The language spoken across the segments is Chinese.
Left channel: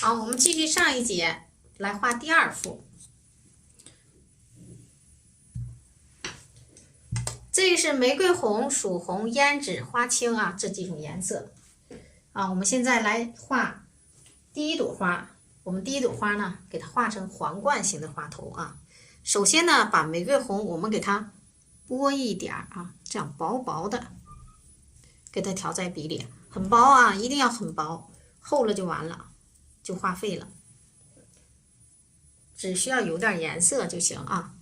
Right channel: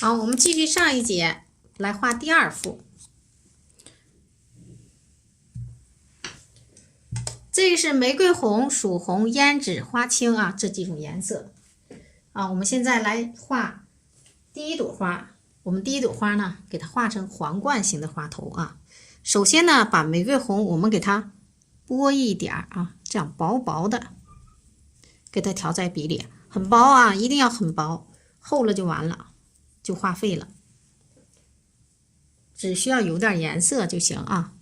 好，我们继续上一节来画第二幅。这是玫瑰红、曙红、胭脂、花青啊，这几种颜色啊。我们现在来画第一朵花。我们第一朵花呢，给它画成皇冠形的花头啊。首先呢，把玫瑰红我们给它拨一点啊，这样薄薄的，给它调在笔里，很薄啊，一定要很薄，厚了就完了，就画废了。只需要有点颜色就行啊。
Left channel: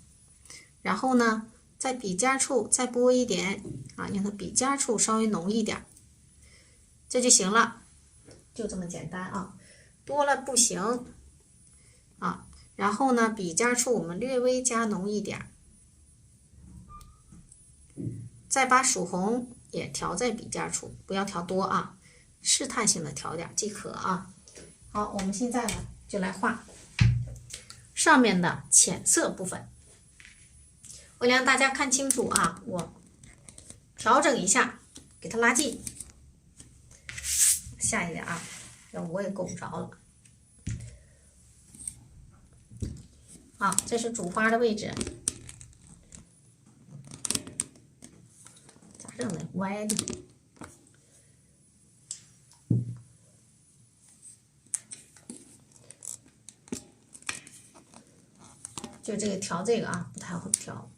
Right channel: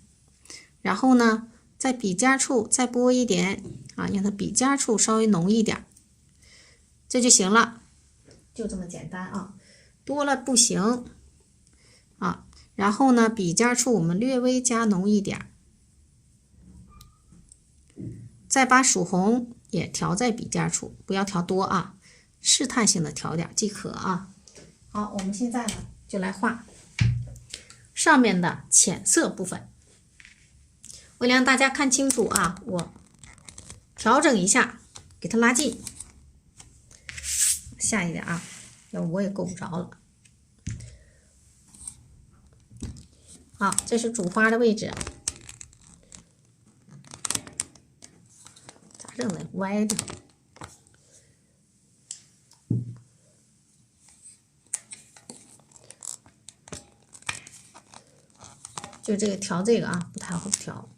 然后呢，在笔尖处再拨一点啊，让它笔尖处稍微浓一点，这就行了，就这么简单啊。多了不行啊。然后呢，笔尖处我们略微加浓一点，再把曙红也调在笔尖处，不要调多啊，试探性的调点即可啊。好，我们现在呢就来画上面的浅色部分。为了让大家看清楚啊，我调整一下，给它拉近，下一点啊，要我也够不着了。好，这是主花的位置，咋整的？歪的。就这个调这个啊，不太好调。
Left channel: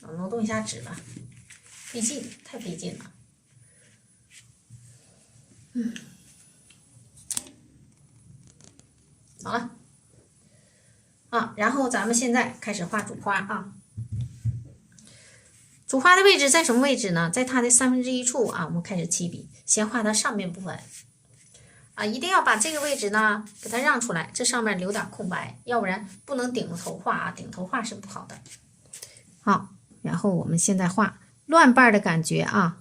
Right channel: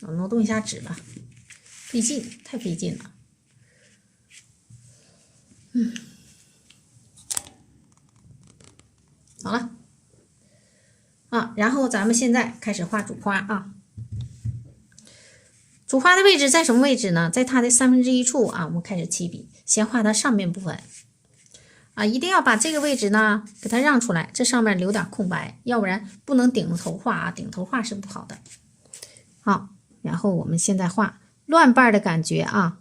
我挪动一下纸吧，费劲，太费劲了。好了。啊，然后咱们现在开始画主花啊。主花的位置在什么位置呢？在它的1/3处啊。我们开始起笔，先画它上面部分啊，一定要把这个位置呢给它让出来，这上面留点空白，要不然不能顶头画啊，顶头画是不好的。好，然后我们现在画乱瓣的感觉啊，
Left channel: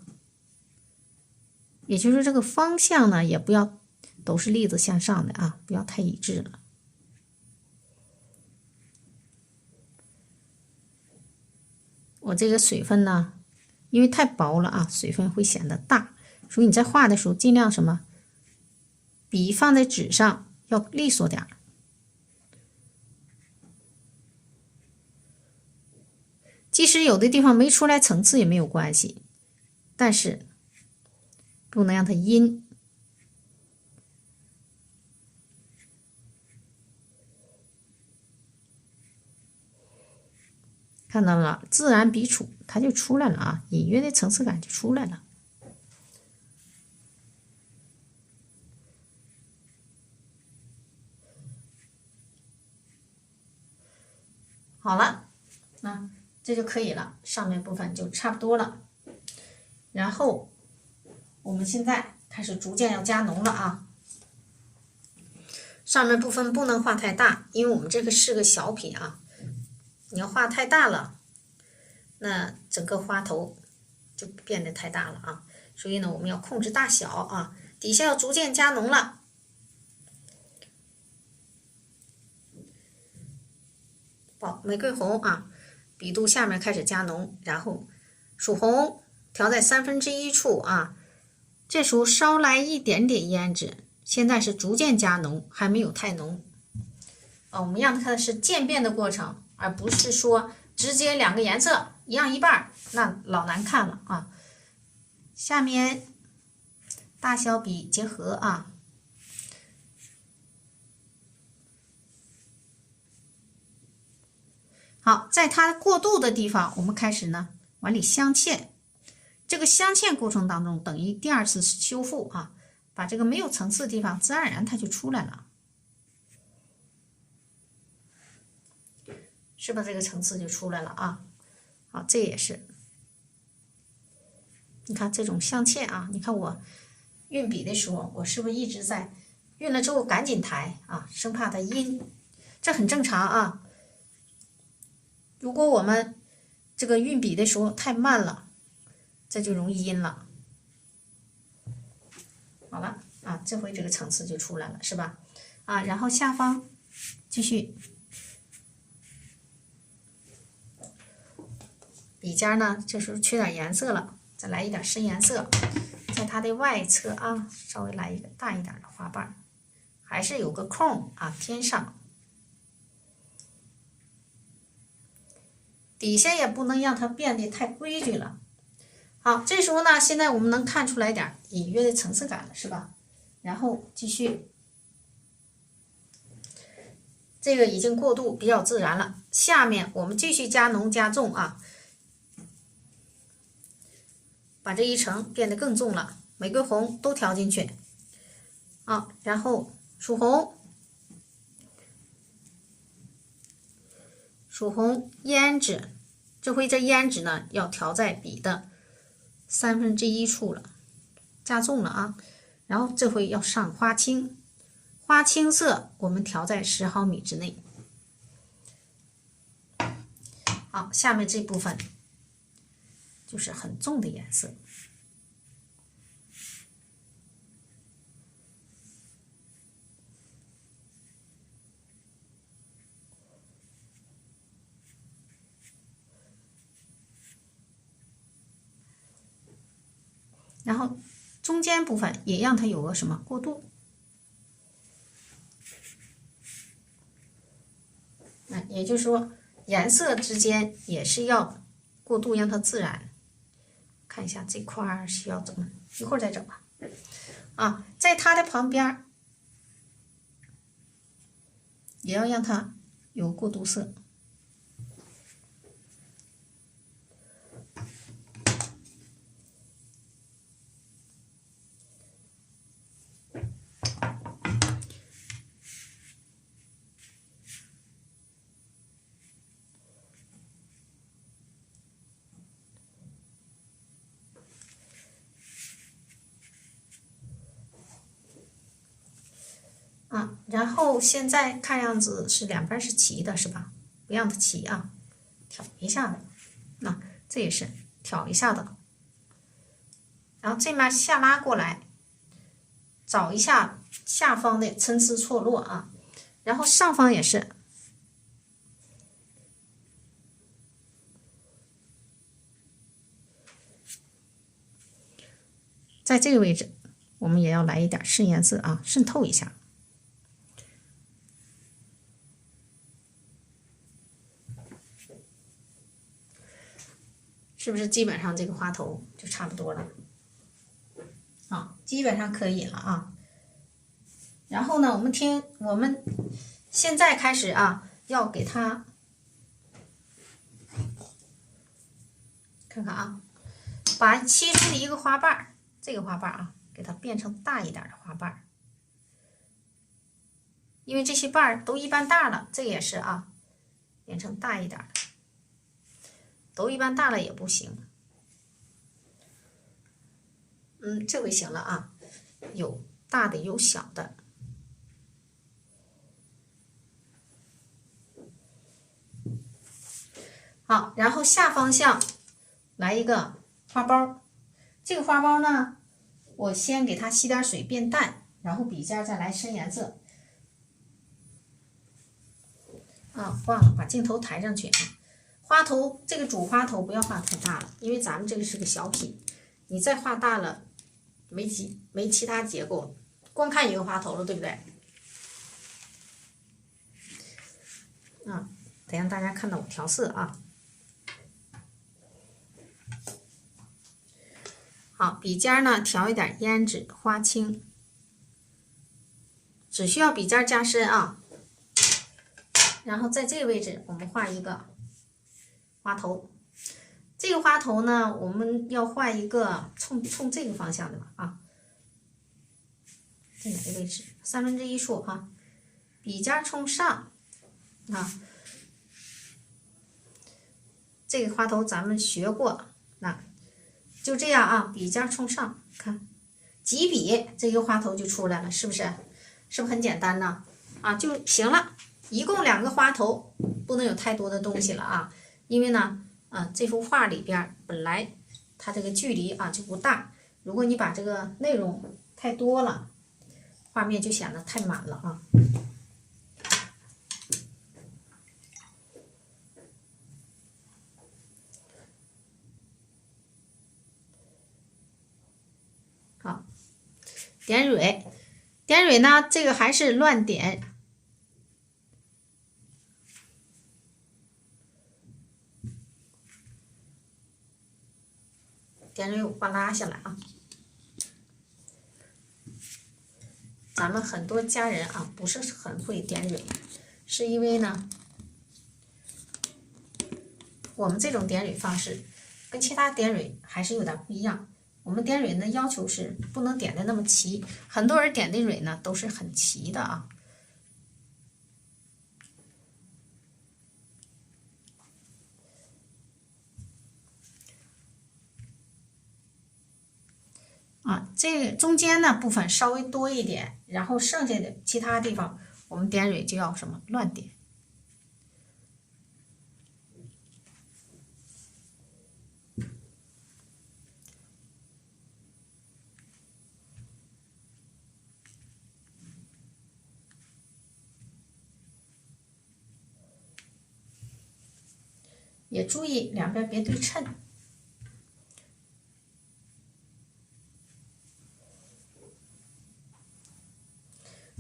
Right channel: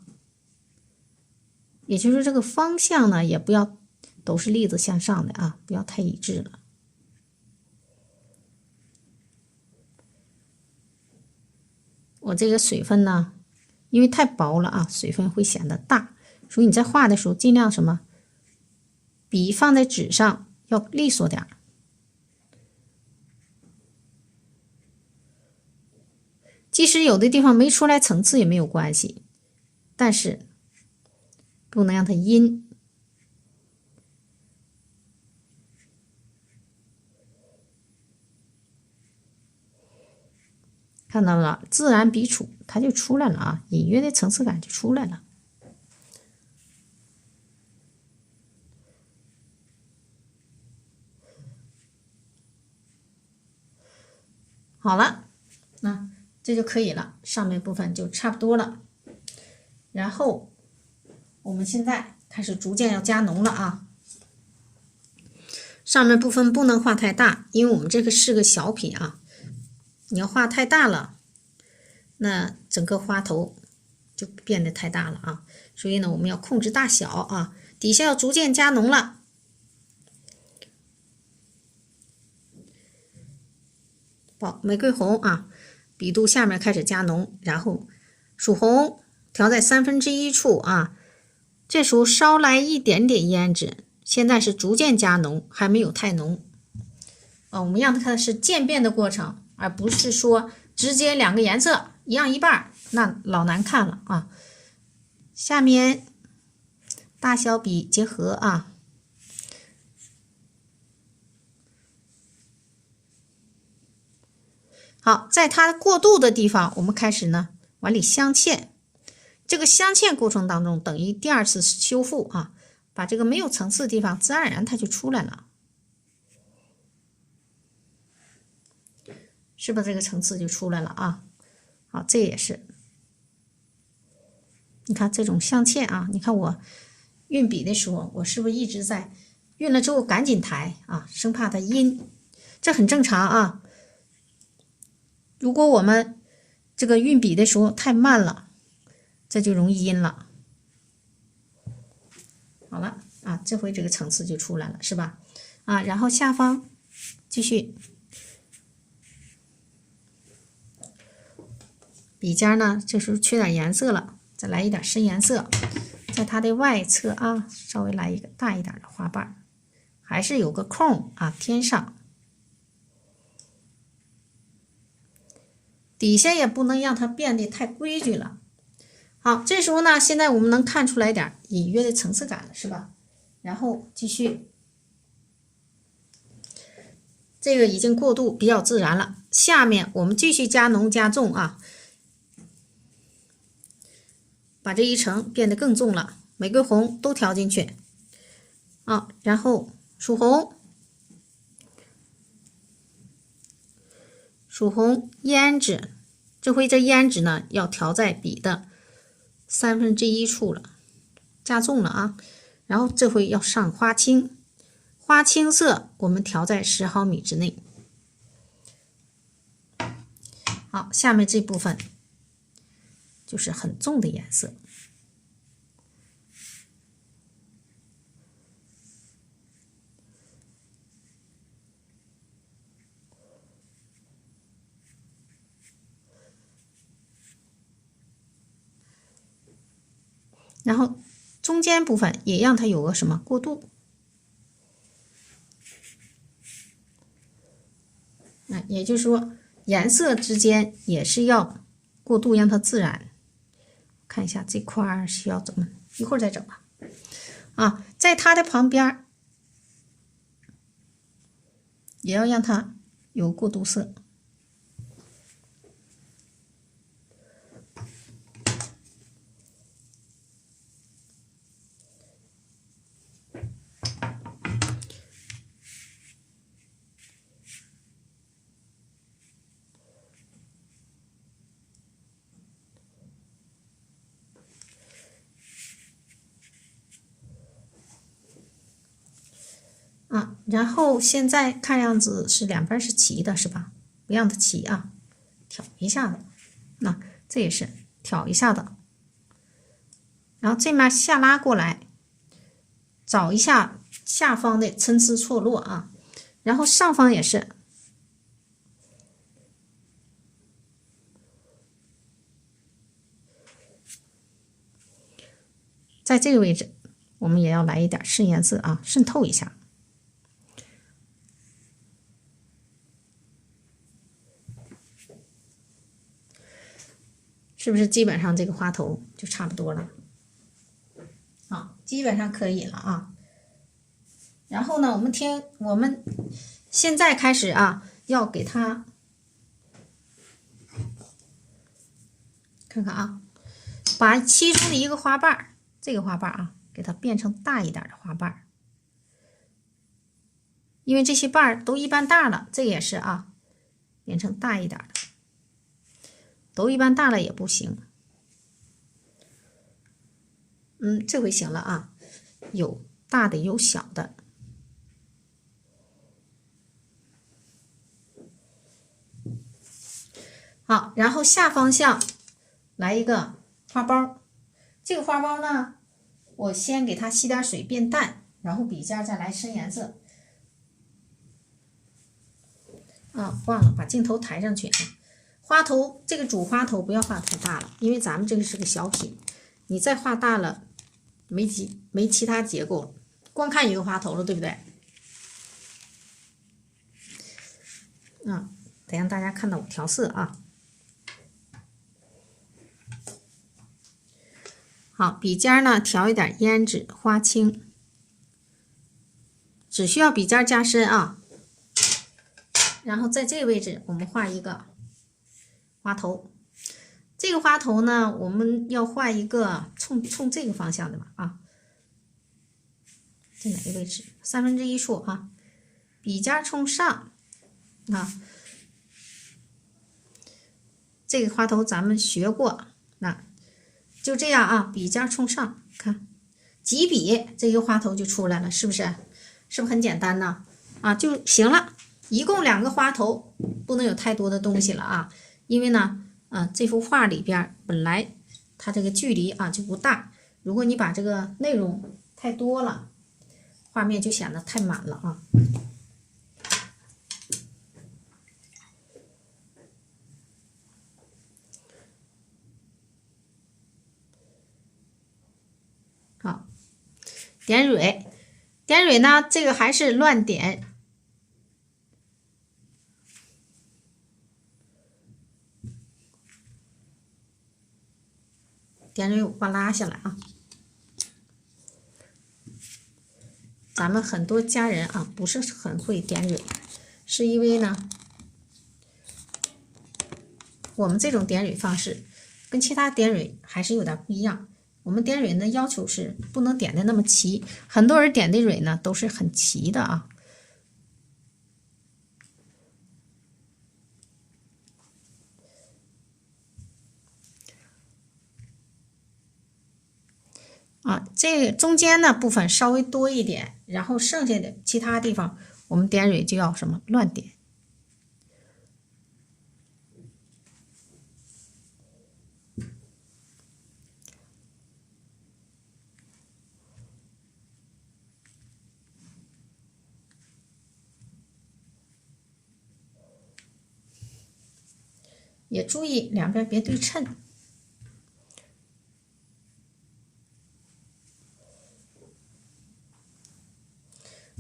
也就是这个方向呢，也不要都是粒子向上的啊，不要太一致了。我这个水分呢，因为太薄了啊，水分会显得大，所以你在画的时候尽量什么，笔放在纸上要利索点。即使有的地方没出来层次也没有关系，但是不能让它阴。看到了，自然笔触它就出来了啊，隐约的层次感就出来了。好了，那这就可以了，上面部分就差不多了。然后我们现在开始逐渐要加浓了啊。上面部分不能画太大，因为我们这个是个小品啊。你要画太大了，那整个花头就变得太大了啊。所以呢，我们要控制大小啊，底下要逐渐加浓了。好，玫瑰红啊，笔肚下面开始加浓，然后曙红调在1/3处啊，这时候稍来一点点胭脂，现在是逐渐加浓，还没有太浓啊。我们让它是渐变的过程，而不是说直接两个颜色一样一半，那老难看了啊。下面大小笔结合啊。好，在它过渡的地方，我们开始呢往里镶嵌。这个镶嵌过程当中，等于第二次修复啊，把这个没有层次的地方，自然而然它就出来了，是不是这个层次就出来了啊？好，这也是，你看这种镶嵌啊，你看我运笔的时候，我是不是一直在运了之后赶紧抬啊，生怕它阴，这很正常啊。如果我们这个运笔的时候太慢了，这就容易阴了。好了啊，这回这个层次就出来了，是吧？啊，然后下方继续，笔尖呢，这时候缺点颜色了，再来一点深颜色，在它的外侧啊，稍微来一个大一点的花瓣，还是有个空啊，添上。底下也不能让它变得太规矩了。好，这时候呢，现在我们能看出来点隐约的层次感了，是吧？然后继续，这个已经过渡比较自然了。下面我们继续加浓加重啊，把这一层变得更重了，玫瑰红都调进去啊，然后曙红。曙红胭脂，这回这胭脂呢要调在笔的1/3处了，加重了啊。然后这回要上花青，花青色我们调在10毫米之内。好，下面这部分就是很重的颜色。然后中间部分也让它有个什么过渡，也就是说颜色之间也是要过渡，让它自然。看一下这块需要怎么，一会儿再整吧。啊，在它的旁边也要让它有过渡色。然后现在看样子是两边是齐的，是吧？不让它齐啊，挑一下的。那这也是挑一下的。然后这面下拉过来，找一下下方的参差错落啊。然后上方也是，在这个位置，我们也要来一点深颜色啊，渗透一下。是不是基本上这个花头就差不多了？好，基本上可以了啊。然后呢，我们现在开始啊，要给它看看啊，把其中的一个花瓣，这个花瓣啊，给它变成大一点的花瓣，因为这些瓣都一般大了，这也是啊，变成大一点的。都一般大了也不行，这回行了啊，有大的有小的。好，然后下方向来一个花苞，这个花苞呢，我先给它吸点水变淡，然后笔尖再来深颜色。忘了把镜头抬上去啊。花头这个主花头不要画太大了，因为咱们这个是个小品，你再画大了，没其他结构，光看一个花头了，对不对？得让大家看到我调色啊。好，笔尖呢调一点胭脂、花青，只需要笔尖加深啊。然后在这个位置，我们画一个花头。这个花头呢，我们要画一个冲这个方向的吧啊。在哪个位置？1/3处啊，笔尖冲上啊。这个花头咱们学过，就这样啊，笔尖冲上，看几笔，这个花头就出来了，是不是？是不是很简单呢？啊，就行了。一共2个花头，不能有太多的东西了啊，因为呢，这幅画里边本来它这个距离啊就不大，如果你把这个内容太多了，画面就显得太满了啊。点蕊，点蕊呢，这个还是乱点。点蕊我把拉下来啊。咱们很多家人啊不是很会点蕊，是因为呢，我们这种点蕊方式跟其他点蕊还是有点不一样。我们点蕊呢要求是不能点的那么齐，很多人点的蕊呢都是很齐的啊。这中间的部分稍微多一点，然后剩下的其他地方我们点蕊就要什么乱点。也注意两边别对称。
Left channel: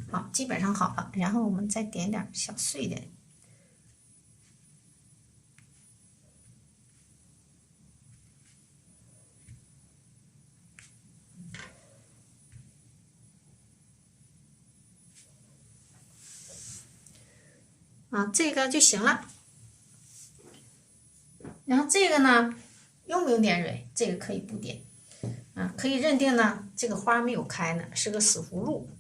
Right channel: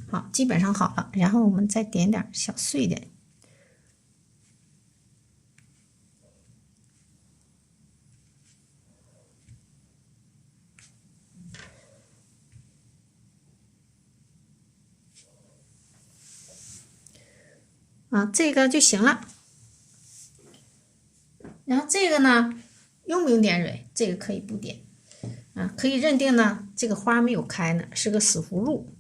好，基本上好了，然后我们再点点小碎点。这个就行了。然后这个呢，用不用点蕊？这个可以不点。可以认定呢，这个花没有开呢，是个死葫芦。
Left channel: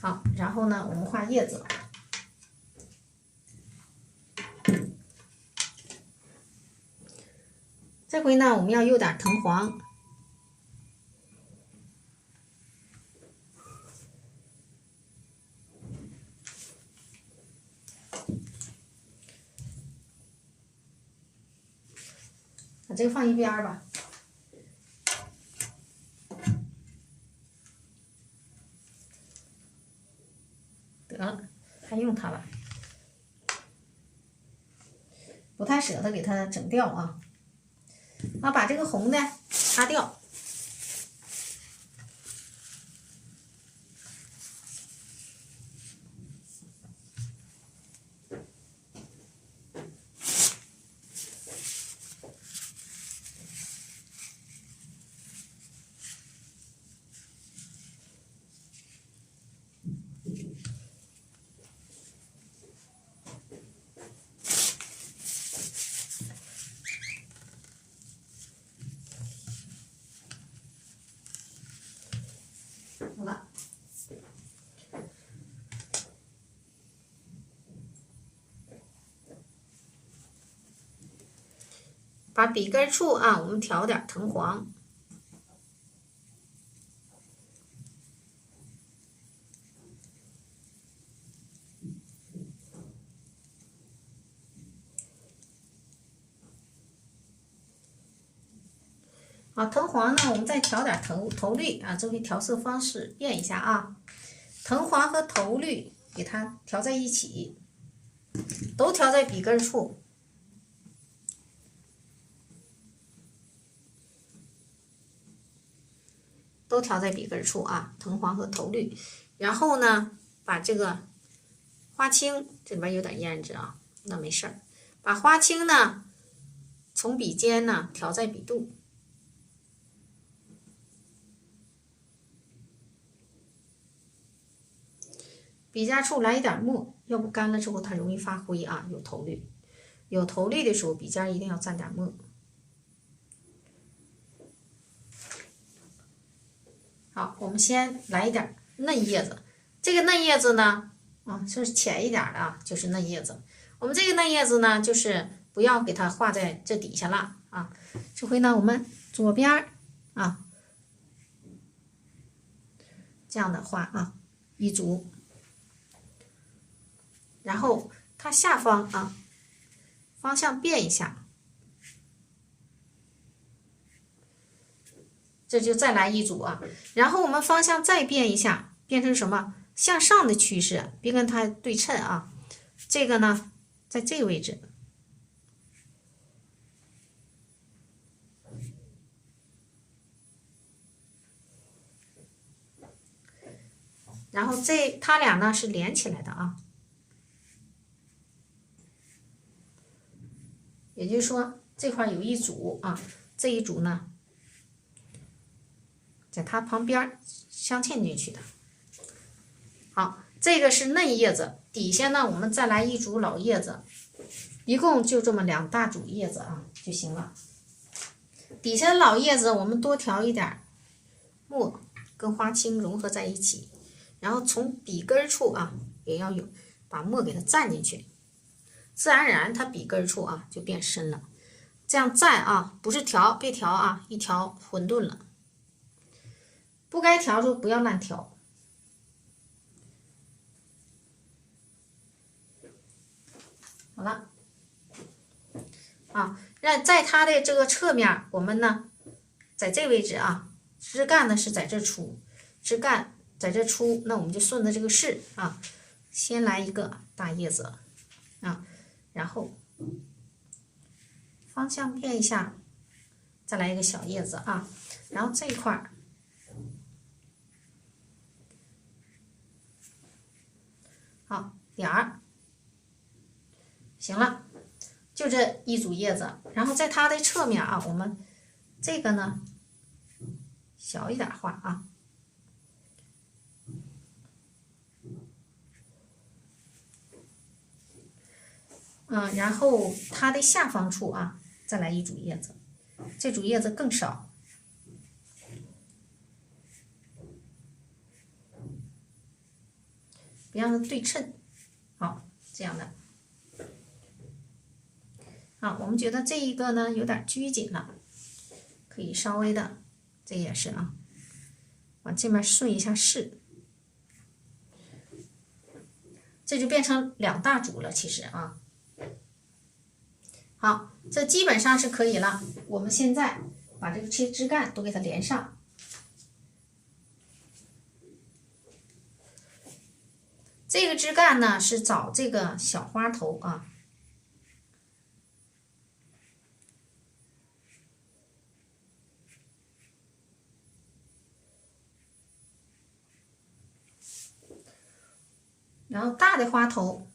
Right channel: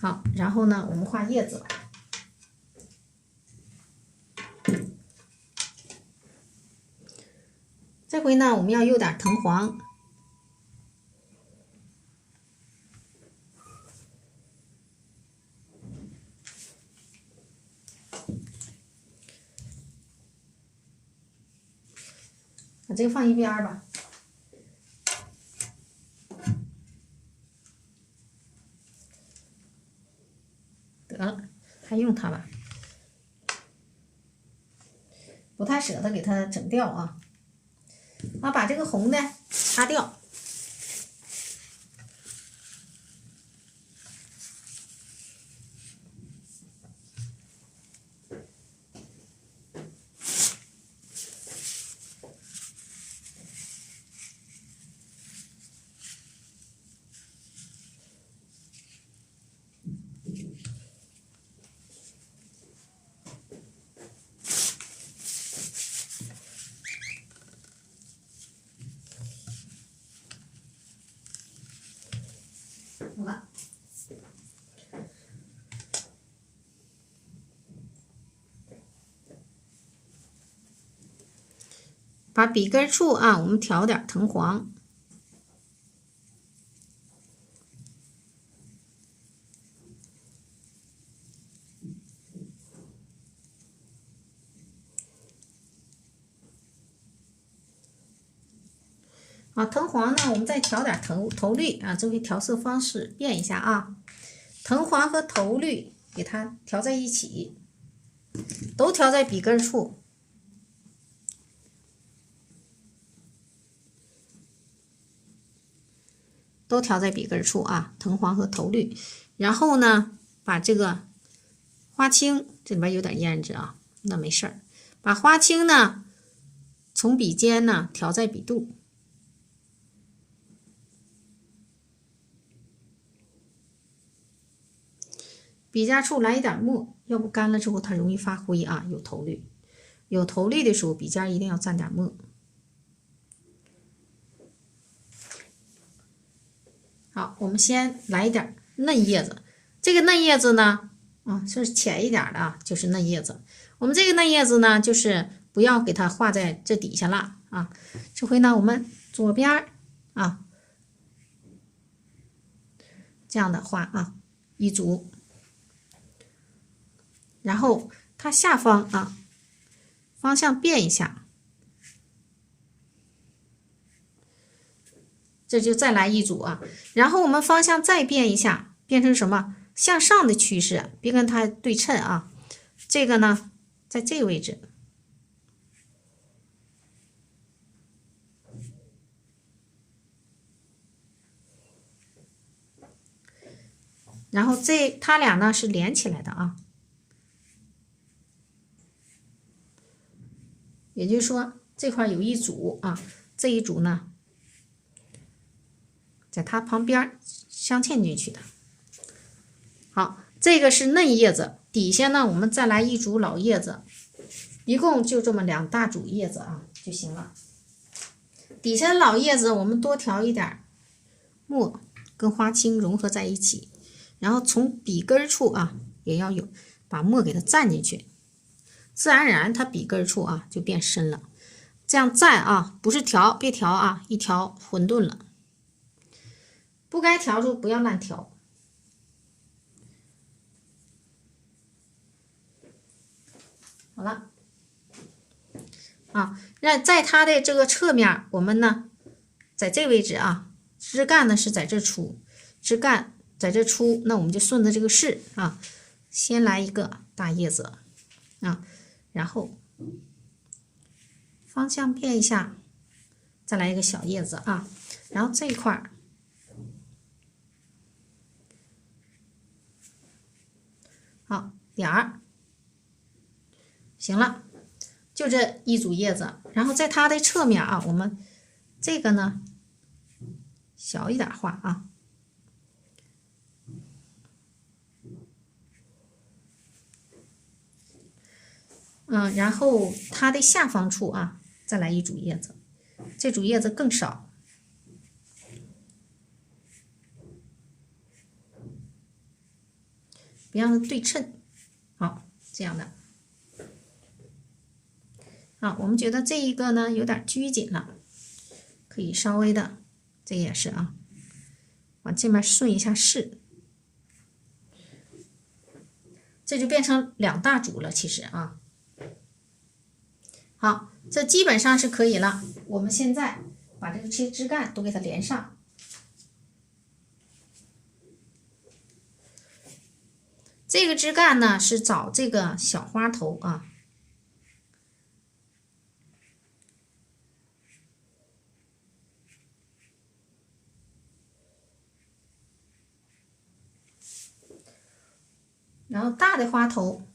好，然后呢，我们画叶子了。这回呢，我们要用点藤黄。把这个放一边吧。得了，还用它吧？不太舍得给它整掉啊。把这个红的擦掉。好了，把笔根处我们调点藤黄。藤黄呢，我们再调点头绿这回调色方式变一下啊。藤黄和头绿给它调在一起，都调在笔根处。都调在笔根处藤黄和头绿。然后呢，把这个花青，这里边有点胭脂那没事儿。把花青呢，从笔尖呢调在笔肚。笔尖处来一点墨，要不干了之后它容易发灰有头绿，有头绿的时候笔尖一定要蘸点墨。好，我们先来一点嫩叶子。这个嫩叶子呢，是浅一点的就是嫩叶子。我们这个嫩叶子呢，就是不要给它画在这底下了这回呢，我们左边这样的画一组。然后它下方方向变一下，这就再来一组然后我们方向再变一下，变成什么？向上的趋势，别跟它对称这个呢，在这个位置，然后它俩呢是连起来的啊，也就是说这块有一组啊，这一组呢在它旁边镶嵌进去的。好，这个是嫩叶子，底下呢我们再来一组老叶子，一共就这么2大组叶子啊就行了。底下的老叶子我们多调一点墨跟花青融合在一起，然后从笔根处啊也要有把墨给它蘸进去，自然而然它笔根处啊就变深了。这样蘸啊，不是调，别调啊，一调混沌了。不该调就不要乱调。好了，啊，那在它的这个侧面，我们呢，在这位置啊，枝干呢是在这出，枝干在这出，那我们就顺着这个势啊，先来一个大叶子啊，然后方向变一下，再来一个小叶子啊，然后这一块好点儿，行了。就这一组叶子，然后在它的侧面啊，我们这个呢小一点画啊，然后它的下方处啊再来一组叶子，这组叶子更少，别让它对称，好，这样的。啊，我们觉得这一个呢有点拘谨了，可以稍微的，这也是啊，往这面顺一下势，这就变成2大组了。其实啊，好，这基本上是可以了。我们现在把这些枝干都给它连上。这个枝干呢是找这个小花头啊。然后大的花头，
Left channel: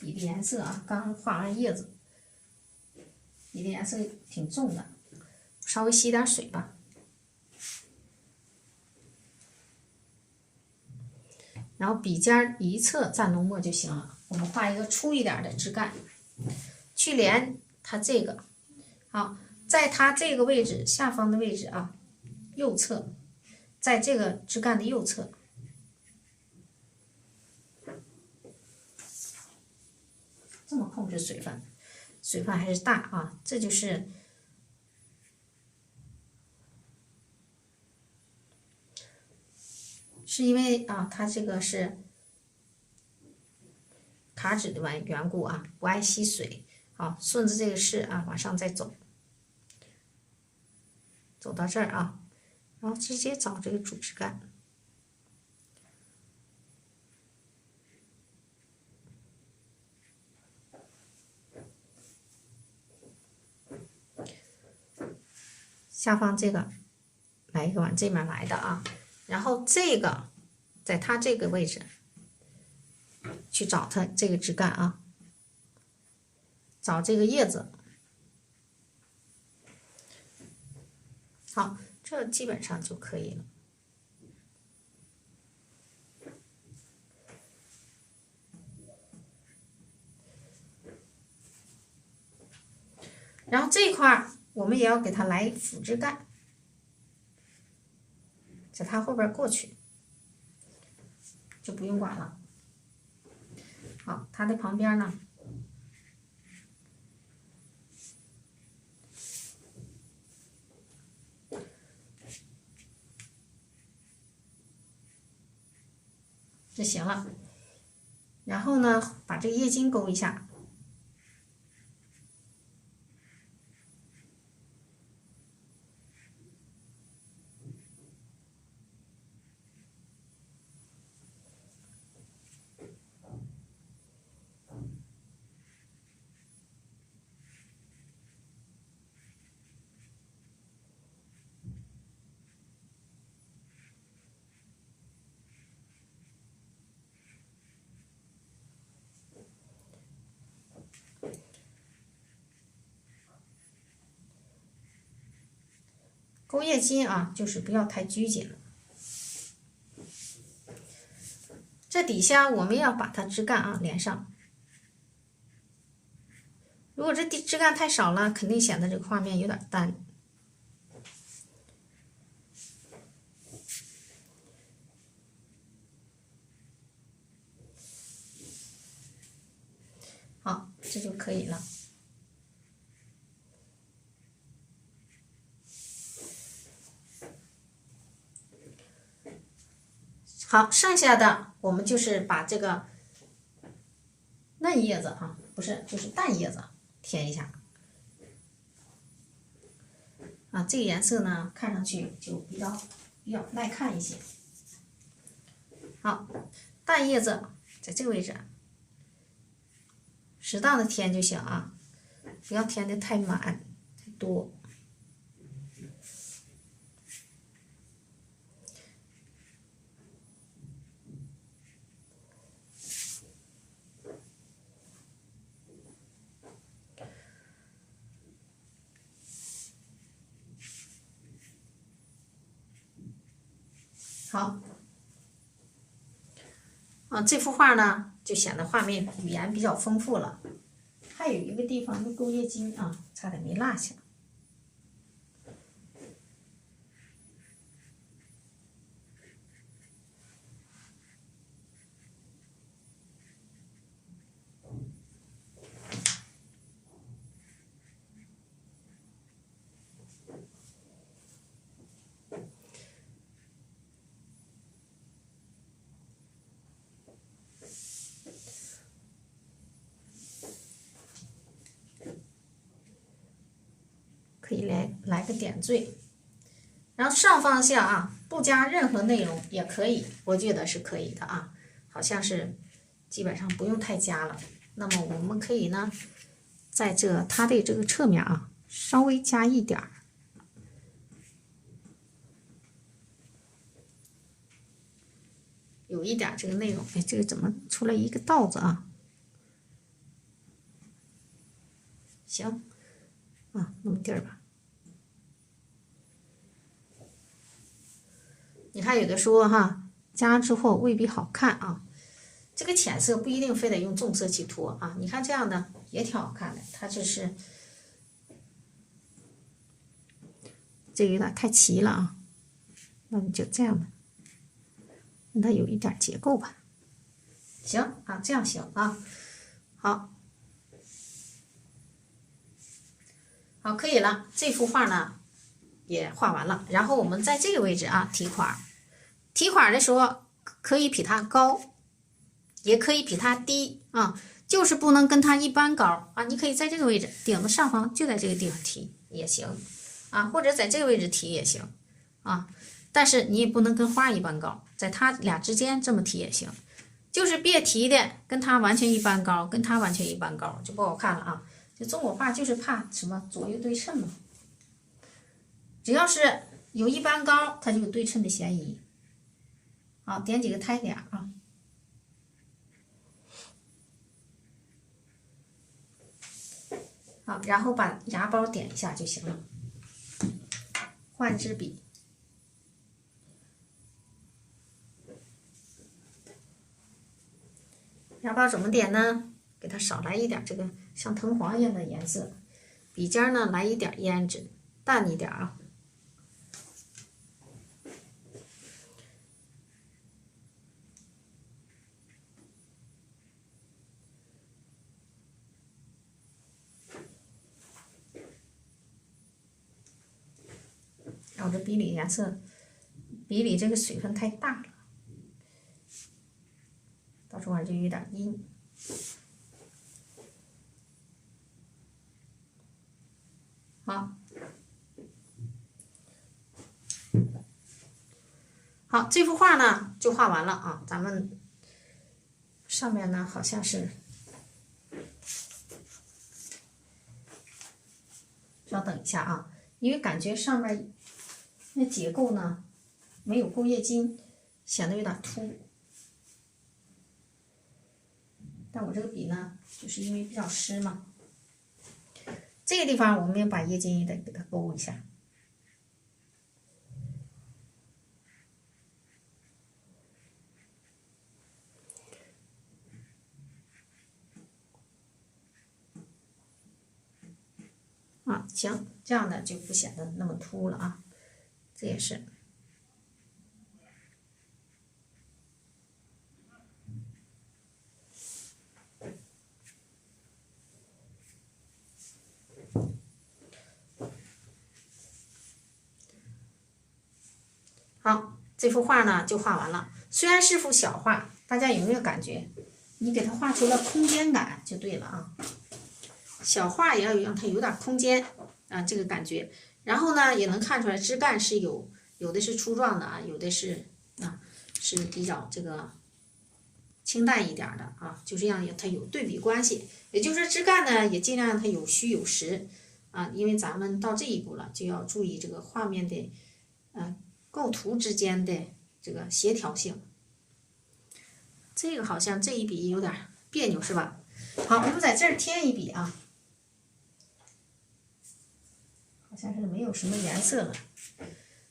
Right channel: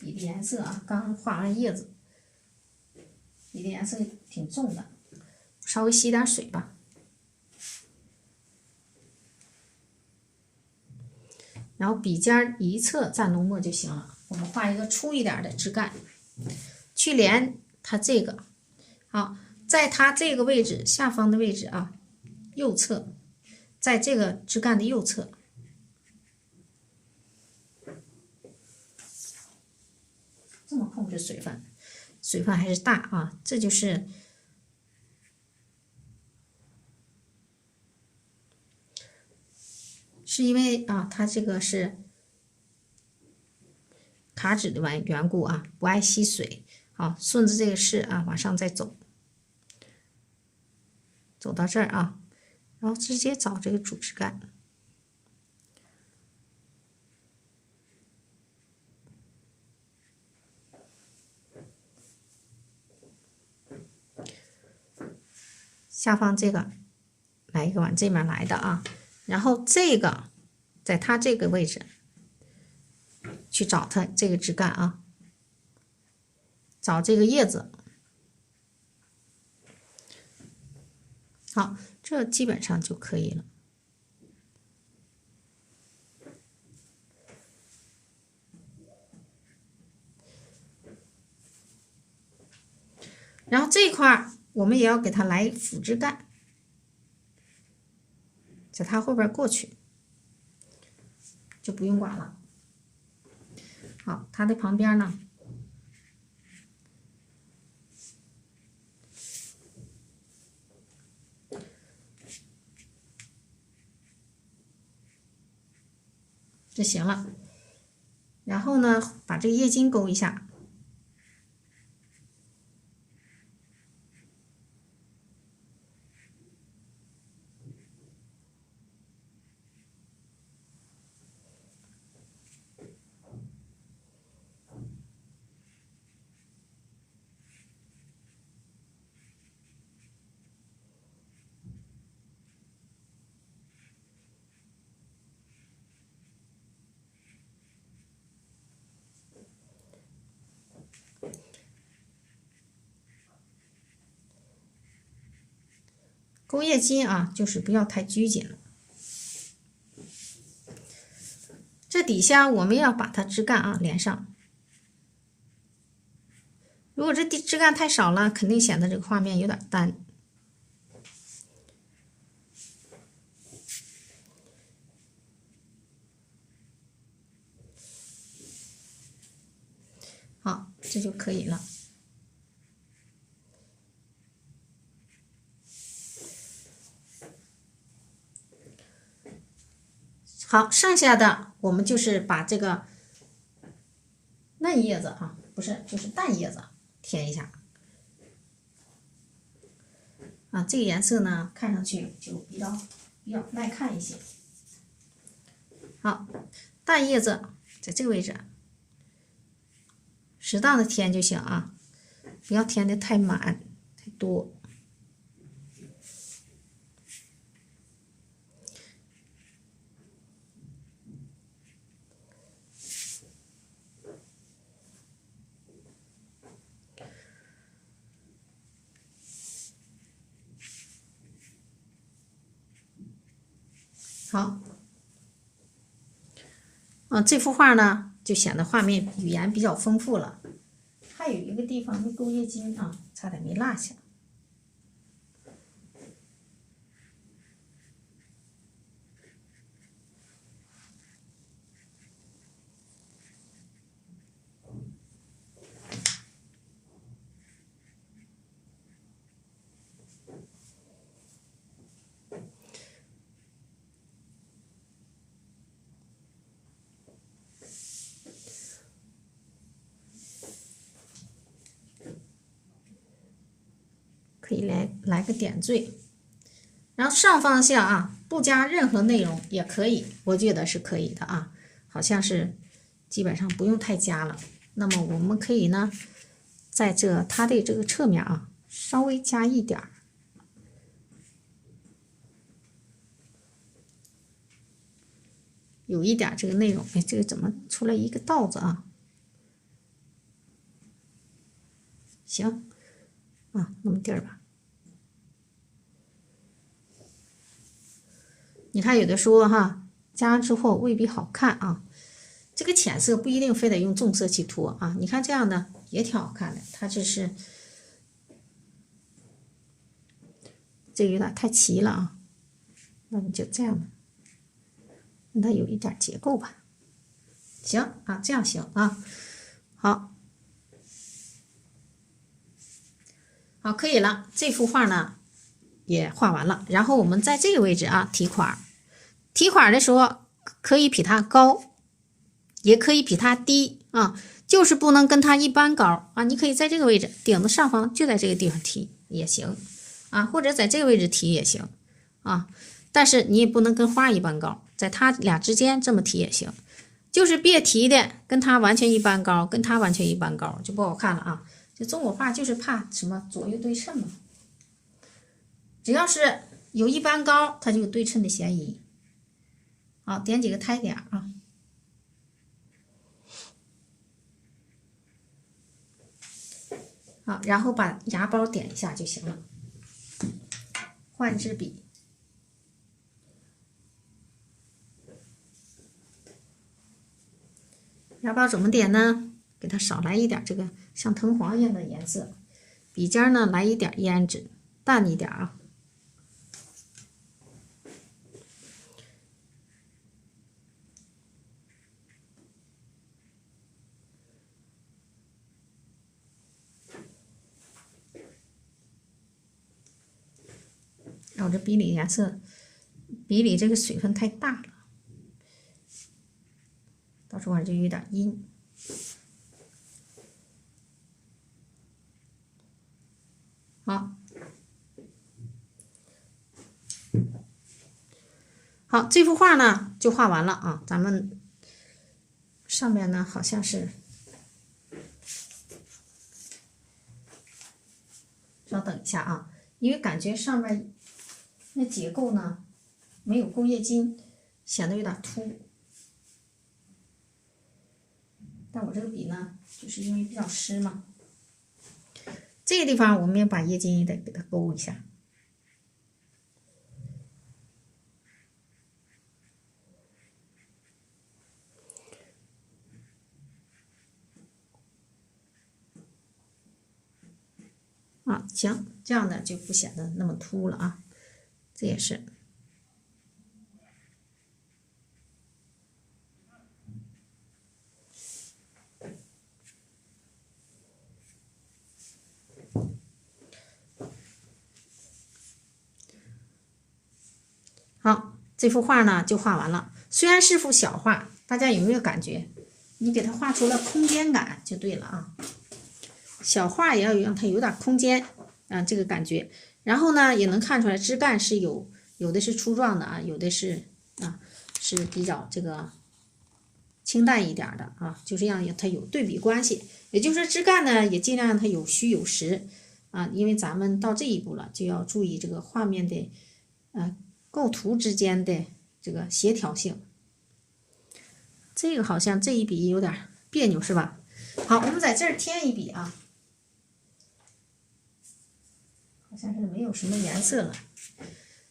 笔的颜色啊，刚画完叶子，笔的颜色挺重的，稍微吸点水吧。然后笔尖一侧蘸浓墨就行了。我们画一个粗一点的枝干，去连它这个。好，在它这个位置下方的位置啊，右侧，在这个枝干的右侧。这么控制水分，水分还是大啊，这就是因为啊，它这个是卡纸的缘故啊，不爱吸水。好，顺着这个势啊，往上再走，走到这儿啊，然后直接找这个主枝干。下方这个来一个往这面来的啊，然后这个在它这个位置去找它这个枝干啊，找这个叶子。好，这基本上就可以了。然后这一块我们也要给它来辅枝干，在它后边过去，就不用管了。好，它的旁边呢，就行了。然后呢，把这个叶筋勾一下。钩叶筋啊，就是不要太拘谨了。这底下我们要把它枝干啊连上。如果这枝干太少了，肯定显得这个画面有点单。好，这就可以了。好，剩下的我们就是把这个嫩叶子啊，不是，就是淡叶子填一下。啊，这个颜色呢，看上去就比较耐看一些。好，淡叶子在这个位置，适当的填就行啊，不要填的太满太多。好，这幅画呢就显得画面语言比较丰富了。还有一个地方的钩叶筋啊，差点没落下。可以来个点缀，然后上方向啊，不加任何内容也可以，我觉得是可以的啊，好像是基本上不用太加了。那么我们可以呢，在它的这个侧面啊，稍微加一点儿，有一点这个内容。哎，这个怎么出来一个道子啊？行，那么地儿吧。你看有的时候哈，加之后未必好看啊。这个浅色不一定非得用重色去涂啊。你看这样的也挺好看的，它这是这个有点太齐了啊。那你就这样的，让它有一点结构吧。行啊，这样行啊。好，好，可以了。这幅画呢也画完了，然后我们在这个位置啊提款。提款的时候可以比它高，也可以比它低啊，就是不能跟它一般高啊。你可以在这个位置，顶子上方就在这个地方提也行啊，或者在这个位置提也行啊。但是你也不能跟花一般高，在它俩之间这么提也行，就是别提的跟它完全一般高，跟它完全一般高就不好看了啊。就中国画就是怕什么左右对称嘛，只要是有一般高，它就有对称的嫌疑。好，点几个胎点啊。好，然后把芽包点一下就行了。换支笔，芽包怎么点呢？给它少来一点这个像藤黄一样的颜色，笔尖呢来一点胭脂，淡一点啊。我这笔里颜色，笔里这个水分太大了，到时候就有点阴。好，好，这幅画呢就画完了啊。咱们上面呢好像是，稍等一下啊，因为感觉上面那结构呢没有钩叶筋，显得有点凸。但我这个笔呢，就是因为比较湿嘛，这个地方我们要把叶筋也得给它勾一下。行，这样呢就不显得那么凸了啊。这也是。好，这幅画呢就画完了。虽然是幅小画，大家有没有感觉？你给它画出了空间感就对了啊。小画也要让它有点空间啊，这个感觉。然后呢，也能看出来枝干是有的是粗壮的啊，有的是是比较这个清淡一点的啊，就这样它有对比关系。也就是说，枝干呢也尽量让它有虚有实啊，因为咱们到这一步了，就要注意这个画面的构图之间的这个协调性。这个好像这一笔有点别扭是吧？好，我们在这儿添一笔啊，好像是没有什么颜色了。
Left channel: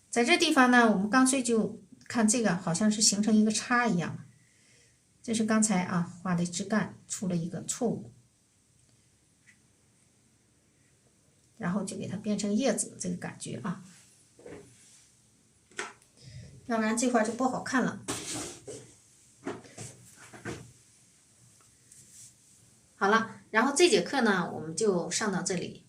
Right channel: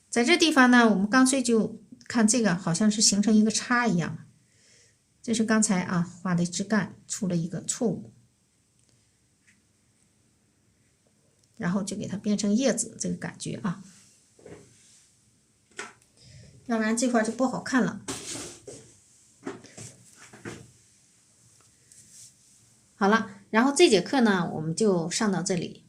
在这地方呢，我们干脆就看这个，好像是形成一个叉一样。这是刚才画的枝干出了一个错误，然后就给它变成叶子这个感觉啊，要不然这块就不好看了。好了，然后这节课呢，我们就上到这里。